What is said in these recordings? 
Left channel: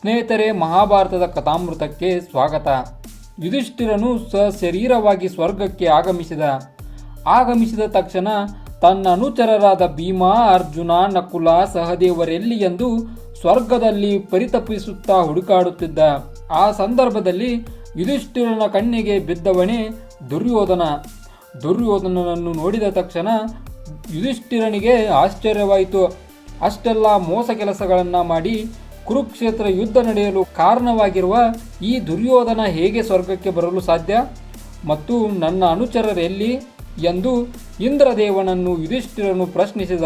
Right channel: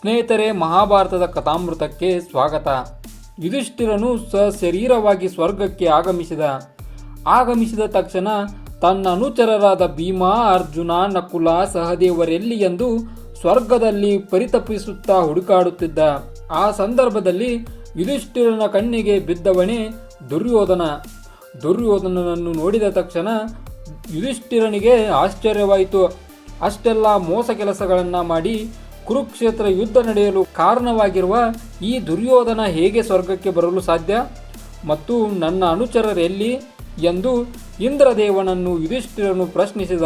ಸ್ನೇಹಿತರೆ, ಮಹಾಭಾರತದ ಕಥಾಮೃತಕ್ಕೆ ಸ್ವಾಗತ. ಯುಧಿಷ್ಠಿರನು ಸಶರೀರವಾಗಿ ಸ್ವರ್ಗಕ್ಕೆ ಆಗಮಿಸಿದ. ಆಗಮಿಸಿದ ತಕ್ಷಣ ತನ್ನ ಅನುಚರರಾದ ಭೀಮ, ಅರ್ಜುನ, ನಕುಲ, ಸಹದೇವರೆಲ್ಲಿ ಎಂದು ಸ್ವರ್ಗದಲ್ಲಿ ಪರಿತಪಿಸುತ್ತಾ ಹುಡುಕಾಡುತ್ತಿದ್ದ. ಆ ಸಂದರ್ಭದಲ್ಲಿ ಯುಧಿಷ್ಠಿರನ ಕಣ್ಣಿಗೆ ಬಿದ್ದವನೇ ದುರ್ಯೋಧನ. ದುರ್ಯೋಧನನನ್ನು ನೋಡಿದ ತಕ್ಷಣ ಯುಧಿಷ್ಠಿರನಿಗೆ ಆಶ್ಚರ್ಯವಾಯಿತು. ಅಷ್ಟೆಲ್ಲ ಮೋಸ ಕೆಲಸಗಳನ್ನು ಮಾಡಿ ಕುರುಕ್ಷೇತ್ರ ಯುದ್ಧ ನಡೆಯಲು ಕಾರಣವಾಗಿರುವ ಈ ದುರ್ಯೋಧನ ಹೇಗೆ ಸ್ವರ್ಗಕ್ಕೆ ಬರಲು ಸಾಧ್ಯ? ಮತ್ತು ನನ್ನ ಅನುಚರರೆಲ್ಲಿ? ಎಂದು ಇಂದ್ರದೇವನನ್ನು ಯುಧಿಷ್ಠಿರನು ಪ್ರಶ್ನಿಸಿದ.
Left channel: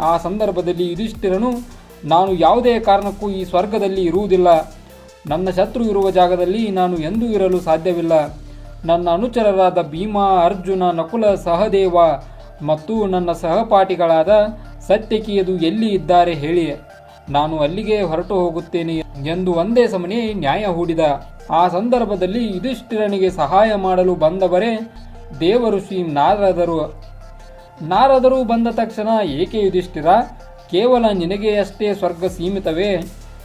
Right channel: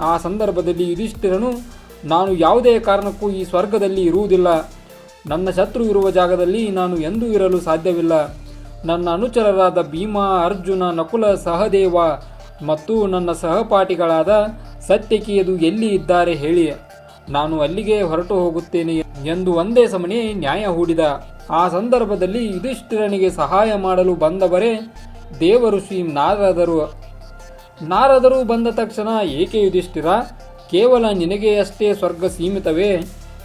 ಆ ಸಂದರ್ಭದಲ್ಲಿ ಯುಧಿಷ್ಠಿರನು, ನಾನು ಯಾವುದೇ ಕಾರಣಕ್ಕೂ ಈ ಸ್ವರ್ಗದಲ್ಲಿ ಇರುವುದಿಲ್ಲ. ನನ್ನ ಶತ್ರು ಇರುವ ಜಾಗದಲ್ಲಿ ನಾನು ಎಂದೂ ಇರಲು ಸಾಧ್ಯವಿಲ್ಲ. ನನ್ನ ಅನುಚರರಾದ ಭೀಮ, ಅರ್ಜುನ, ನಕುಲ, ಸಹದೇವ ಮತ್ತು ನನ್ನ ಸಹಪಾಠಿಗಳಾದ ಸತ್ಯಕಿಯದು ಎಲ್ಲಿ ಇದ್ದಾರೆ ಹೇಳಿ. ನಾನು ಅಲ್ಲಿಗೆ ಹೊರಟು ಹೋಗುತ್ತೇನೆ ಎಂದು ಒಂದೇ ಸಮನೆ ನ್ಯಾಯ ಹೂಡಿದ. ಆ ಸಂದರ್ಭದಲ್ಲಿ ಯುಧಿಷ್ಠಿರನಿಗೆ ಸಹಾಯ ಮಾಡಲು ಬಂದವರೇ ದೇವಋಷಿ ನಾರದರು. ನಾರದರು ಬಂದ ತಕ್ಷಣ, ಏಕೆ ಯುಧಿಷ್ಠಿರ? ಕೇವಲ ನಿನಗೆ ಅಷ್ಟೇ ಸ್ವರ್ಗ ಸೀಮಿತವೇ?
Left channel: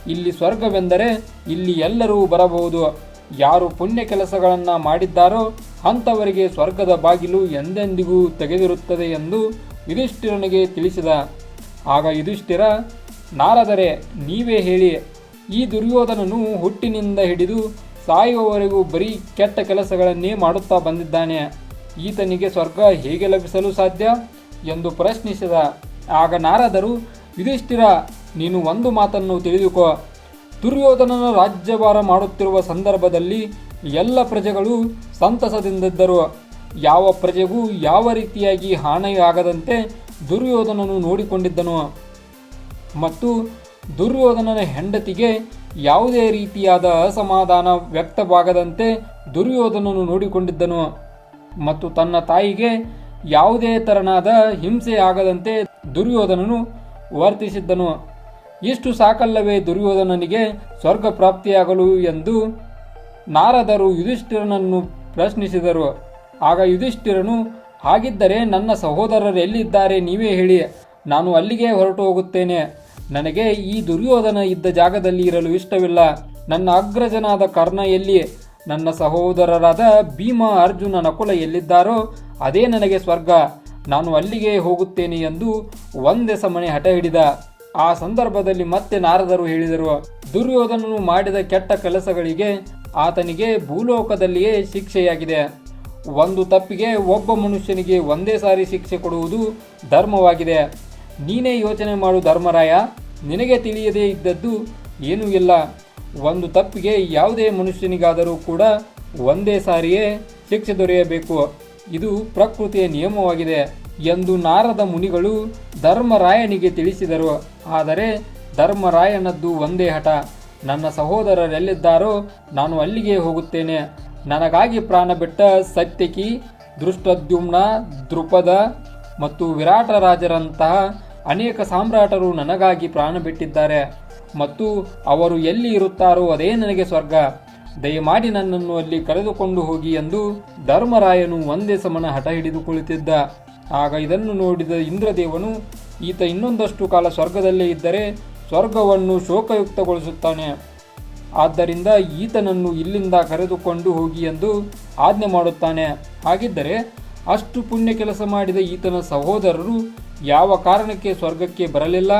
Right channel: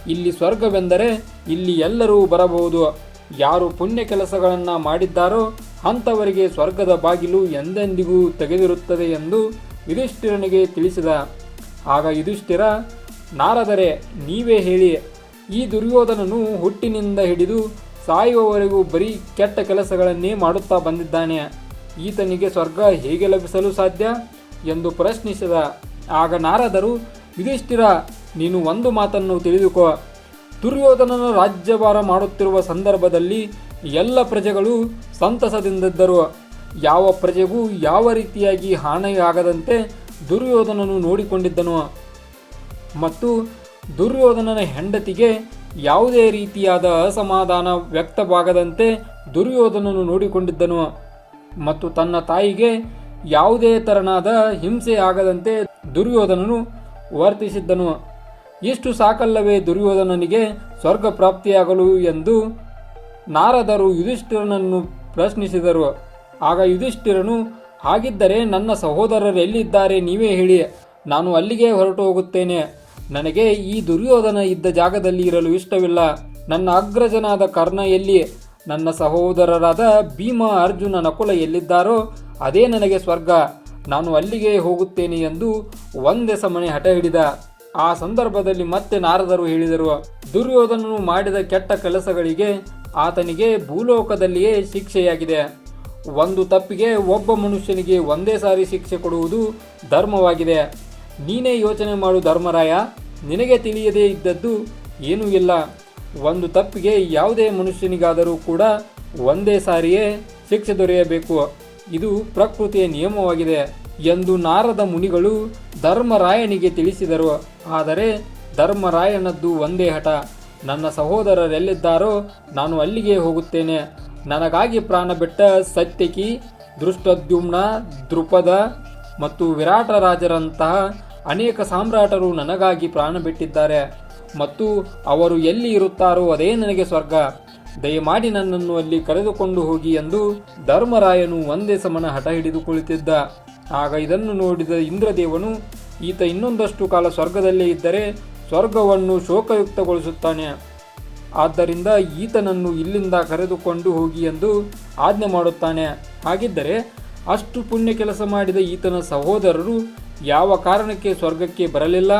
ಇಲ್ಲಿ ಸ್ವರ್ಗವೆಂದರೆ ಇಲ್ಲಿ ಎಲ್ಲರೂ ಬರಬಹುದು. ಯಾರು ಪುಣ್ಯ ಕೆಲಸಗಳನ್ನು ಮಾಡಿದ್ದಾರೋ ಅಂಥವರಿಗೆ ಸ್ವರ್ಗದ ಬಾಗಿಲು ಎಂದೆಂದಿಗೂ ತೆಗೆದಿರುತ್ತದೆ ಎಂದು ಯುಧಿಷ್ಠಿರನಿಗೆ ತಿಳಿಸಿದ. ಆಗ ಯುಧಿಷ್ಠಿರ ನಾರದರೆ ನೀವೇ ಹೇಳಿ, ಈ ದುರ್ಯೋಧನನು ಹುಟ್ಟಿನಿಂದ ಹಿಡಿದು ಸಾಯುವವರೆಗೂ ಬರೀ ಕೆಟ್ಟ ಕೆಲಸಗಳನ್ನೇ ಮಾಡುತ್ತಾ ಬಂದಿದ್ದಾನೆ. ಈತನಿಗೆ ಸ್ವರ್ಗ ಹೇಗೆ ಲಭಿಸಲು ಸಾಧ್ಯ? ಎಂದು ಪ್ರಶ್ನಿಸಿದ. ಆಗ ನಾರದರು, ಯುಧಿಷ್ಠಿರ, ನೀನು ಒಂದು ಮಾತನ್ನು ತಿಳಿದುಕೋ. ದುರ್ಯೋಧನನ ರಾಜ್ಯಭಾರ ಮಾಡುತ್ತಿರುವ ಸಂದರ್ಭದಲ್ಲಿ ಎಲ್ಲ ಪ್ರಜೆಗಳು ಸಂತಸದಿಂದಿದ್ದರು. ಯಾವ ಪ್ರಜೆಗೂ ಯಾವ ರೀತಿಯಾಗಿ ಹಾನಿಯಾಗದಂತೆ ದುರ್ಯೋಧನನು ನೋಡಿಕೊಂಡಿದ್ದನು. ಮತ್ತು ದುರ್ಯೋಧನನ ಹೆಂಡತಿಗೆ ಯಾವುದೇ ರೀತಿಯಾದ ಅಸಮಾಧಾನ ವ್ಯಕ್ತವಾಗದಂತೆ ದುರ್ಯೋಧನನು ನೋಡಿಕೊಂಡಿದ್ದನು ಮತ್ತು ತನ್ನ ತಾಯಿಗೆ ಯಾವುದೇ ತೆರನಾದ ಹಿಂಸೆ ಆಗದಂತೆ ದುರ್ಯೋಧನನು ವರ್ತಿಸಿದ್ದನು. ಇಷ್ಟು ಸಾಕಲ್ಲವೇ ದುರ್ಯೋಧನನಿಗೆ ಸ್ವರ್ಗ ಪ್ರಾಪ್ತಿಯಾಗಲು ಎಂದು ನಾರದರು ಯುಧಿಷ್ಠಿರನನ್ನು ಪ್ರಶ್ನಿಸಿದರು. ಆಗ ಯುಧಿಷ್ಠಿರನು, ಹಾಗಿದ್ದರೆ ನನ್ನ ಸಹೋದರರು ಎಲ್ಲಿದ್ದಾರೆ ನೀವೇ ಹೇಳಿ. ನಾನು ಅಲ್ಲಿಗೆ ಹೊರಟು ಹೋಗುತ್ತೇನೆ. ನನಗೆ ಈ ದುರ್ಯೋಧನ ಇದ್ದ ಜಾಗದಲ್ಲಿ ಇರಲು ಇಷ್ಟವಿಲ್ಲ. ನನ್ನ ಅಗ್ರಜನಾದ ಕರ್ಣ ಎಲ್ಲಿ ನನ್ನ ಸಹೋದರರಾದ ಭೀಮ ಅರ್ಜುನ ನಕುಲ ಎಲ್ಲಿದ್ದಾರೋ? ಅದೇ ನನಗೆ ಸ್ವರ್ಗ. ನಾನು ಅಲ್ಲಿಗೆ ಹೋಗುತ್ತೇನೆ ಎಂದು ಒಂದೇ ಸಮನೆ ಹಠ ಹಿಡಿದ. ಆ ಸಂದರ್ಭದಲ್ಲಿ ಮತ್ತೆ ನಾರದರು ಹೇಳಿದರು, ದುರ್ಯೋಧನನು ಮಾಡಿದ ಕೆಟ್ಟ ಕೆಲಸಗಳಿಗೆ ಆತನಿಗೆ ಭೂಲೋಕದಲ್ಲಿಯೇ ಶಿಕ್ಷೆಯಾಗಿದೆ. ಒಂದು ತಪ್ಪಿಗೆ ಒಬ್ಬ ಮನುಷ್ಯನಿಗೆ ಒಂದೇ ಸಾರಿ ಶಿಕ್ಷೆ ಕೊಡುವುದು ಧರ್ಮವಾಗಿದೆ. ನೀನೇ ಯೋಚನೆ ಮಾಡು ಧರ್ಮರಾಯ. ನಿನಗೆ ತಿಳಿಯದೇ ಇದ್ದದ್ದು ಏನೂ ಇಲ್ಲ. ಒಂದು ತಪ್ಪಿಗೆ ಯಾವುದೇ ಮನುಷ್ಯನಿಗಾದರೂ ಕೂಡ ಒಂದೇ ಸಾರಿಯೇ ಶಿಕ್ಷೆ ದೊರೆಯಬೇಕು. ಇದು ಪ್ರಕೃತಿಯ ನಿಯಮವಾಗಿದೆ ಎಂದು ನಾರದ ಮುನಿಗಳು ಧರ್ಮರಾಯನಿಗೆ ತಿಳಿಸಿದರು. ಆದರೆ ಧರ್ಮರಾಯನದ್ದು ಒಂದೇ ಹಠ. ನನ್ನ ಸಹೋದರರೆಲ್ಲಿದ್ದಾರೋ ನಾನು ಅಲ್ಲಿಗೆ ಹೋಗುತ್ತೇನೆ. ನನಗಾಗಿ ಪ್ರಾಣ ಬಿಟ್ಟ ಸತ್ಯಕಿ, ದೃಷ್ಟದ್ಯುಮ್ನ ದೃಪದ ಮತ್ತು ವಿರಾಟ ರಾಜರಂತಹ ಅನೇಕ ಸಾಮ್ರಾಟರು ನನಗಾಗಿ ಪ್ರಾಣ ಬಿಟ್ಟಿದ್ದಾರೆ. ಮತ್ತು ಅವರು ಎಲ್ಲಿ ಇರುತ್ತಾರೋ ಅದೇ ನನಗೆ ಸ್ವರ್ಗ. ದಯಮಾಡಿ ನನ್ನನ್ನು ಅಲ್ಲಿ ಕರೆದುಕೊಂಡು ಹೋಗಿ ಎಂದು ಧರ್ಮರಾಯನು ಒಂದೇ ಸಮನ ಹಠ ಹಿಡಿದು ಕುಳಿತಿದ್ದ ಆಗ ಇದನ್ನು ನೋಡಿದ ಇಂದ್ರದೇವನು, ಈತ ಇನ್ನೊಂದಷ್ಟು ಕಾಲ ಸ್ವರ್ಗದಲ್ಲೇ ಇದ್ದರೆ ಸ್ವರ್ಗವನ್ನು ಶೋಕಯುಕ್ತಗೊಳಿಸುತ್ತಾನೆ. ಆದ್ದರಿಂದ ಈತನನ್ನು ಇಲ್ಲಿಂದ ಕರೆದುಕೊಂಡು ಹೋಗಿ ಎಂದು ಆಜ್ಞೆ ಮಾಡುತ್ತಾನೆ. ಹಾಗಿದ್ದರೆ ಅಷ್ಟು ಪುಣ್ಯ ಕೆಲಸ ಮಾಡಿದ ಈತನ ಸಹೋದರರು ಯಾವ ಕಾರಣಕ್ಕೆ ಸ್ವರ್ಗಕ್ಕೆ ಬರಲಿಲ್ಲ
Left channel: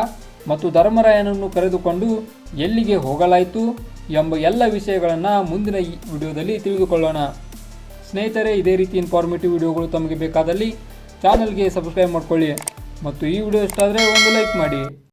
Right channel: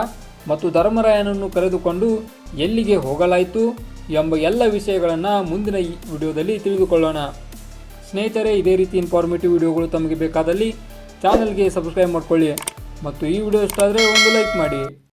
ಮತ್ತು ಧರ್ಮರಾಯನನ್ನು ಕರೆದುಕೊಂಡು ಎಲ್ಲಿಗೆ ಹೋಗಲಾಯಿತು ಎಂಬ ಎಲ್ಲ ವಿಷಯಗಳನ್ನು ಮುಂದಿನ ಈ ವಿಡಿಯೋದಲ್ಲಿ ತಿಳಿದುಕೊಳ್ಳೋಣ. ಸ್ನೇಹಿತರೆ, ಇದೇ ರೀತಿ ಇನ್ಫಾರ್ಮೇಟಿವ್ ವಿಡಿಯೋಗಳು ತಮಗೆ ಬೇಕಾದಲ್ಲಿ ಚಾನಲ್ಗೆ ಸಬ್ಸ್ಕ್ರೈಬ್ ಮಾಡಿಕೊಳ್ಳಿ ಮತ್ತು ಈ ವಿಡಿಯೋ ಇಷ್ಟ ಆದರೆ ಒಂದು ಲೈಕ್ ಮಾಡಿ.